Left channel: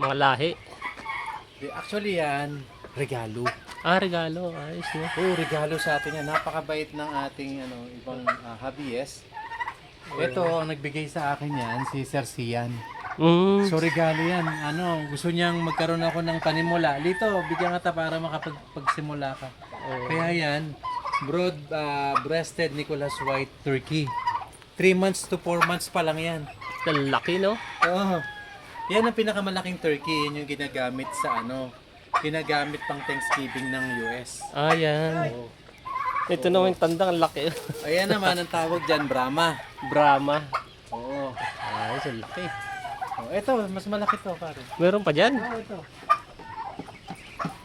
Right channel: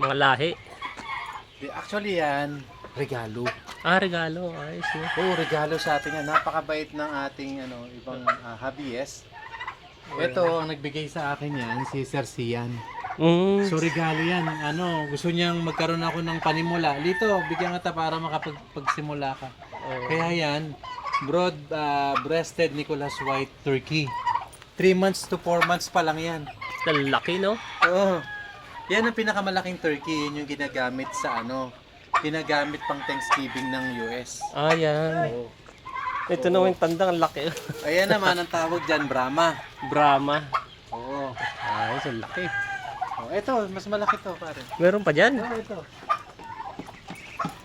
Mga lahi. Actually yan, regalo. Regalo. Ayos yun. Oo, regalo sa atin yan. Napakabait ng ating ibang hobbyist. Ito, ang nagbigay sa akin yan, si Sir Sian. So regalo yan. Gusto niyang magkaroon ako ng panimula. Dito, bigyan kita para makapagsimula ka. Kaya yan, broad-breasted Nicholas White Turkey. 3 months to 4 months pa lang yan. Laki, no? Oo. Yan ang pinakamalaking turkey. Yun yung ginagamit sa ginagamit pang Thanksgiving ng US. Yan. Oo. Ito naman yung tanda, ang laki. Ayan naman ang tawag dyan, Brahma. Brahma. Oo. Ayos, ang laki. Ito, mas malaki to, pare. Meron pa dyan? Oo, ito.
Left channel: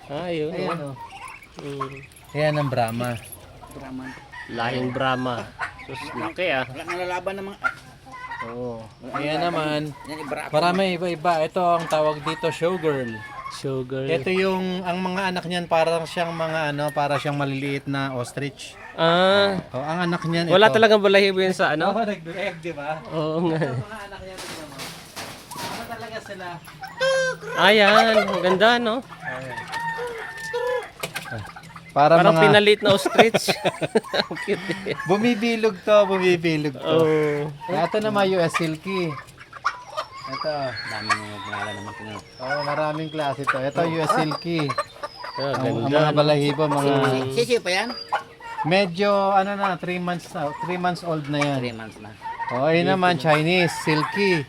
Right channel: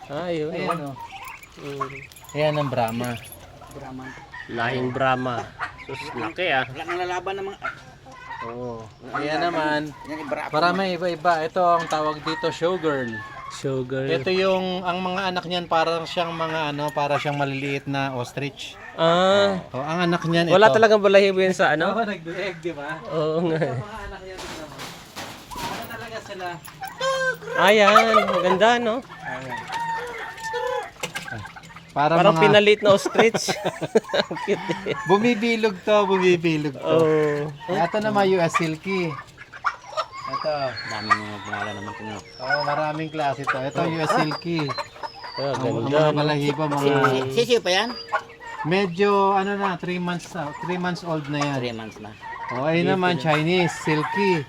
Yun. Ayan, oh. Ayan ang Brahma. Lahing Brahma. Sus, laki Wala nang lalaban ng mga... Oo. Ayan naman. Yan ibara. Marami iba-iba. Ito ang tawag dito, showgirl. Sugar. Ito ang mga anak niyan para siyang para siyang maliliit na ostrich. Ang anak niyan Wala ito. talagang balahibo yan sa Oo, nag-egg, di ba? Oo nga. Mga anak niyan tingnan mo. Ano talaga sila? Yan. Ang ganda, no? Ayan. Para Parang mga pinalit na ostrich. Ang cute eh. bumibilog to. Oo. Ito naman US Silky. Ito. Dami mga pangalan naman ito. Maraming klase to. Ito US Silky. Ang Ang ganda. mga balahibo, mga Sisiyo pa yan? medyo 3 months na, 3 months old na yan. 3 months na. Ayun naman Chinese Silky.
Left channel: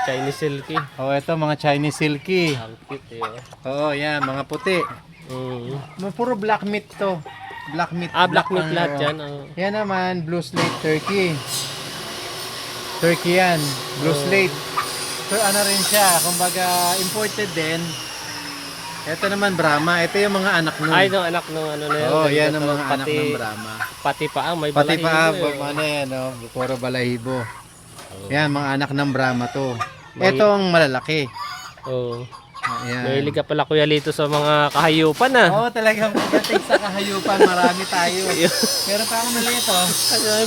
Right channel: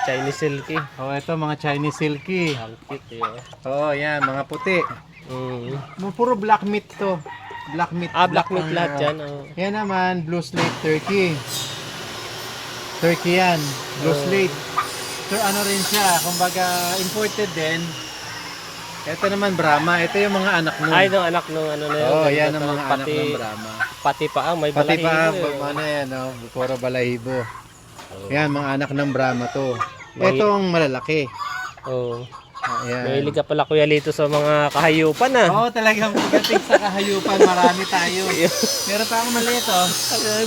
Chinese silky. Ito mga Chinese Silky. Ang cute eh. Yan, mga puti. Mm. Puro black meat to. Black meat. Black meat ang- lahat yan. Yan naman, blue slate turkey. Turkey yan. Blue slate. So, rin siya. Kumbaga, imported din. Ito naman, Brahma. Ito yung mga anak nun. Yung anak nung ano na yun. yan Ganda ang to. mga pati, anak ng Brahma. pati pa may Pati balahibo pa, eh. yan, puro balahibo. Yan, mga anak ng Brahma to. Ito ang malalaki. Oo. Ayan. Mahilig ka pala Kuya Lito sa mga kahayupan Talagang pagdating sa kahayupan, marami tayo. Meron pa akong maliit,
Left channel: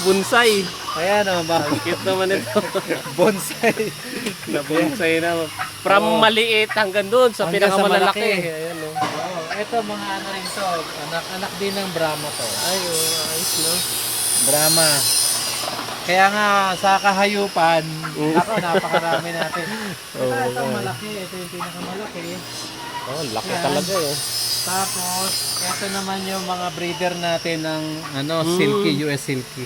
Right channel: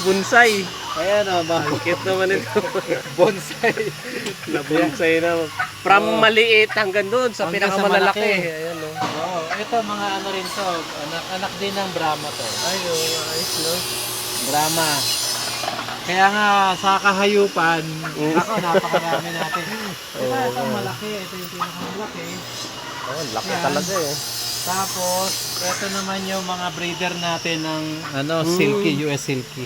Bonsai. Ayan, Ang cute naman ito. bonsai. Na bonsai na. From maliit hanggang doon sa Hanggang sa pinakamalalaki. malaki. Ayan o. Ito mga rin to. Anak din ng Brahma to. Ayos no. Brahma. Kaya nga sa kahayupan, napakarami natin. Ito malaki. Ito yung pinakamalaki. Laki Yan. talaga eh. Tapos, ito naman yung mga breeder natin ng Silky, US Silky.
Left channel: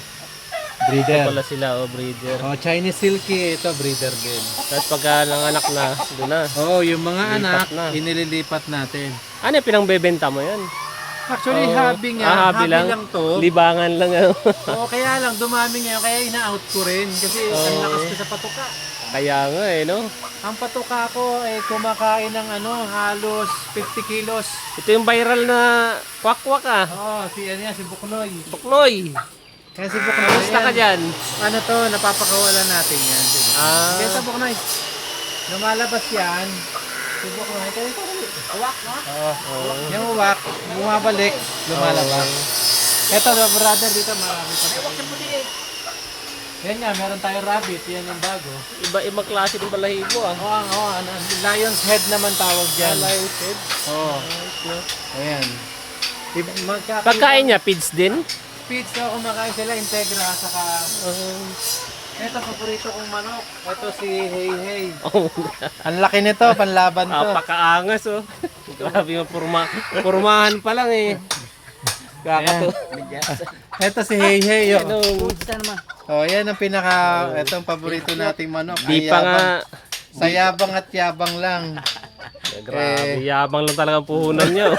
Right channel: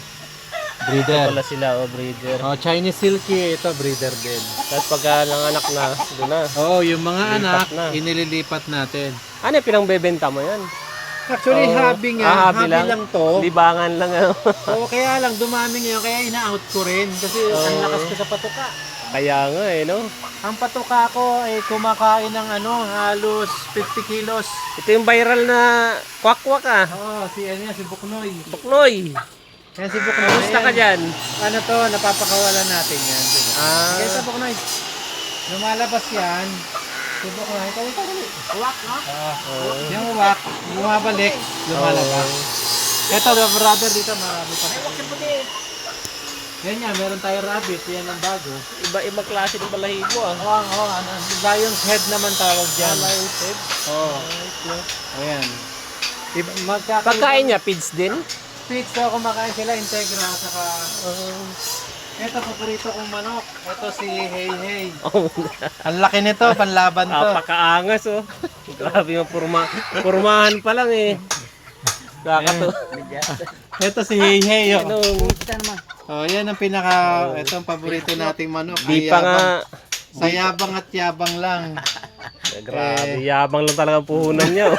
Breeder. Pala sila breeder. Chinese Silky, ito breeder din. Tapos pagka nanganak na, doon na. Yung mga Lipat anak, na. inililipat natin. Ano yung pinangbebenta mo yan? Actually, hobby nga. hobby lang. to. Libangan lang ano. Kaya lang, dumami ngayon. Kaya ina-out ko rin. Kasi ang lakas ko sa patuka. Kaya nga eh no. Ang patuka ko ay kumakain ng halos 50 kilos. Ito yung viral na kwak-kwak Si Buknoy. Buknoy. Kaya si Buknoy. Kamusta ka dyan? Napapakawalan natin yan. Kaya si Buknoy. Lumalabas yan. Si Buknoy. Kaya ito ulit. Uwak, no? Yung uwak, bumabalik, lumalabas. Ito, brother, dito marami pa. May uwak na puti. Yan nga, meron tayo rabbit. Yan ang bago. Iba-iba klase ng balahibo Lion's head naman tawag dyan. Lion's head. Ayan. Pagkain niya, feeds din? Pizza, kumakain sila, integra, saka... Ito, paborito kong manok. Ito si Hey Hey. Ang laki nito, panlaban to. Pakaangas Grabe yung purmahan pa lang eh. Kakato. Ito si Hey Hey. Puta naman. Yan ang ito ang paborito nating manok. Di pa nga. Sa yabang at yabang lang. Grabe, yabang lang talaga ang puhunan niya.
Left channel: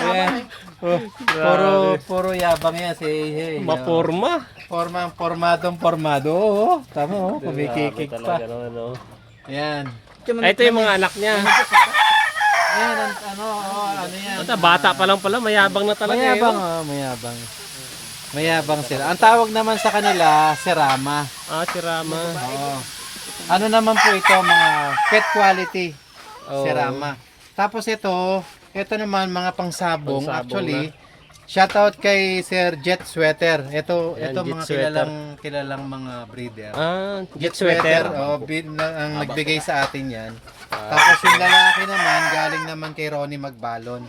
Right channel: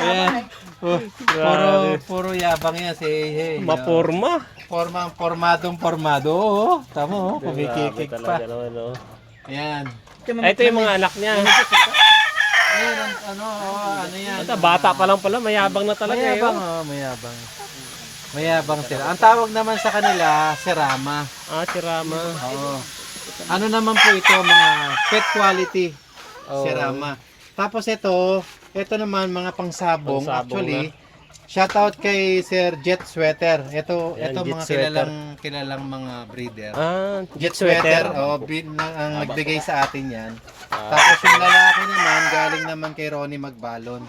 Ayan. Puro yabang yan si Hey Hey. Maporma. Formadong-formado. Tama kumikikik pa. Ayan. Ito yung mga anak niya. Ayan, yan. Bata pa lang pala, mayabang na talaga Mayabang, mayabang. Mayabang sila. Ang tawag naman sa kanila, Serama. Si Rama. Ano naman po ito, mga pet quality. Serama. Tapos ito naman mga pangsabong. Pangsabong Actually, Shoutout kay Sir Jet Sweater. Ito Yan, Jet mga Sweater. kilalang mga breeder. Jet Sweater, sweater. ang nagbigay sa atin yan. Tapos yung lalaki naman, galing naman kay Ronnie Magbalon.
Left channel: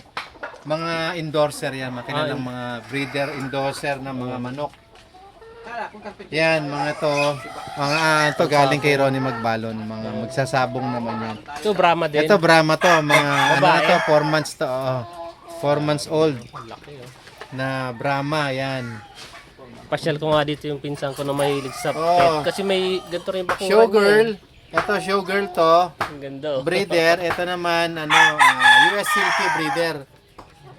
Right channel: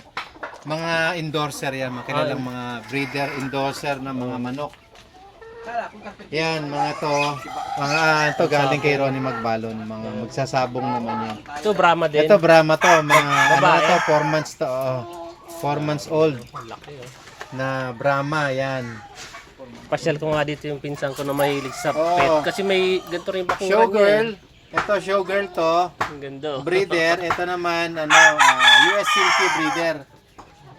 Mga endorser yan, mga kilalang mga breeder, endorser ng mga manok. Yan, mga to galing kay Ronnie Magbalon, mga magsasabong naman yan. Ito, Brahma din. Ito Brahma to, mga ano Babae. na to, 4 months to, 4 months old Laki, oh. na Brahma, yan. Pasyal ko nga dito yung pinsan ko na mahilig sa Oo. pet. Kasi may ganito rin bakuran Showgirl, niya. ito showgirl to, Ang ganda, oh. breeder, ito naman US Silky breeder.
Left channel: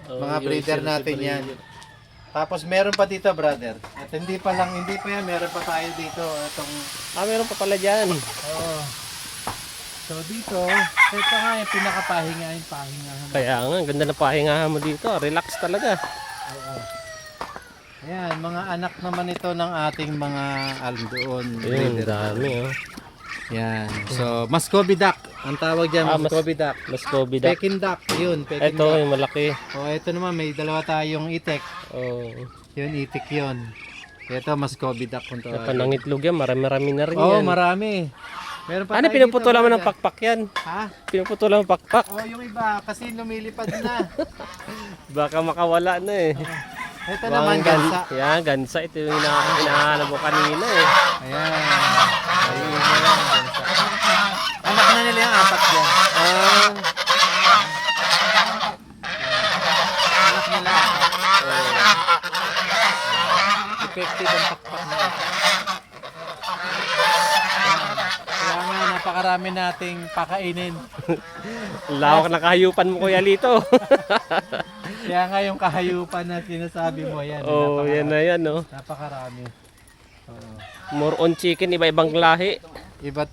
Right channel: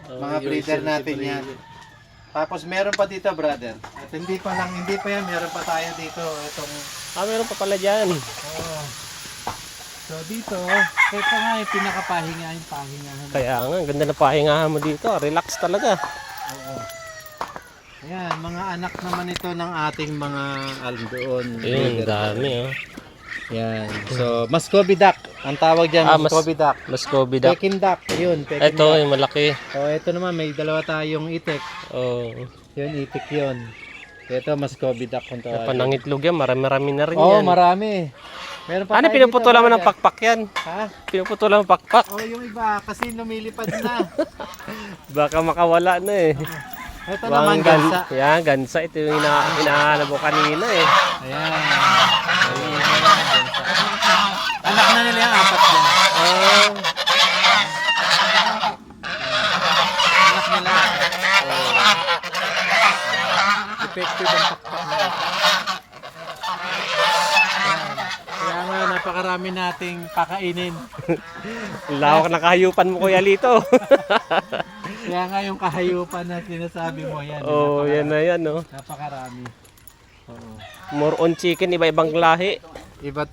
Oh, Mga yung breeder silky natin breeder. yan. Tapos meron pa dito, brother. At hindi pa yan, meron pa tayo dito. Itong Meron pa pala dyan. So dito, ito nga yung pinakapahinga, yung pahingahan. Kaya nga, ang ganda na pahingahan mo dito. Relax talaga. Ayan, mga anak naman ito ng ating mga doon. Ayun, dami, oh. Yan. So, Muscovy duck. Ang tawag dyan, Muscovy duck. Muscovy duck. Peking duck. Yun, Peking Ito, duck. yung malaki. Ito naman, may dalawa tayong itik. Oh. Yun, itik yun. Ito, Muscovy duck kung tawag. Panangitlog yan, marami-rami na rin Oo, yan. marami. Meron pa Ano, tayo pinuputulan dito, mo ng brother. pakpak yan? Ha? Pinuputulan mo pakpak. Yung iba, kasi lumilipad na. Baka makawala na eh. Ito naman, gansa. Yan, gansa. Ito yung hinahanap mo kanina eh. Ayan. Ayun na yan, gansa. Anak na nila yung apat dyan. Anak nila apat. Effective ang pakpak na ito. Kaya nga, napakarami nating pakainin. Lawak na kahayupan mo, Kuya Lito. Kaya nga yung kahayupan na sinasabi mo, yan. Oh, yan na yan, oh. Napakarami. Oo. More on chicken, iba-ibang lahi. Iba't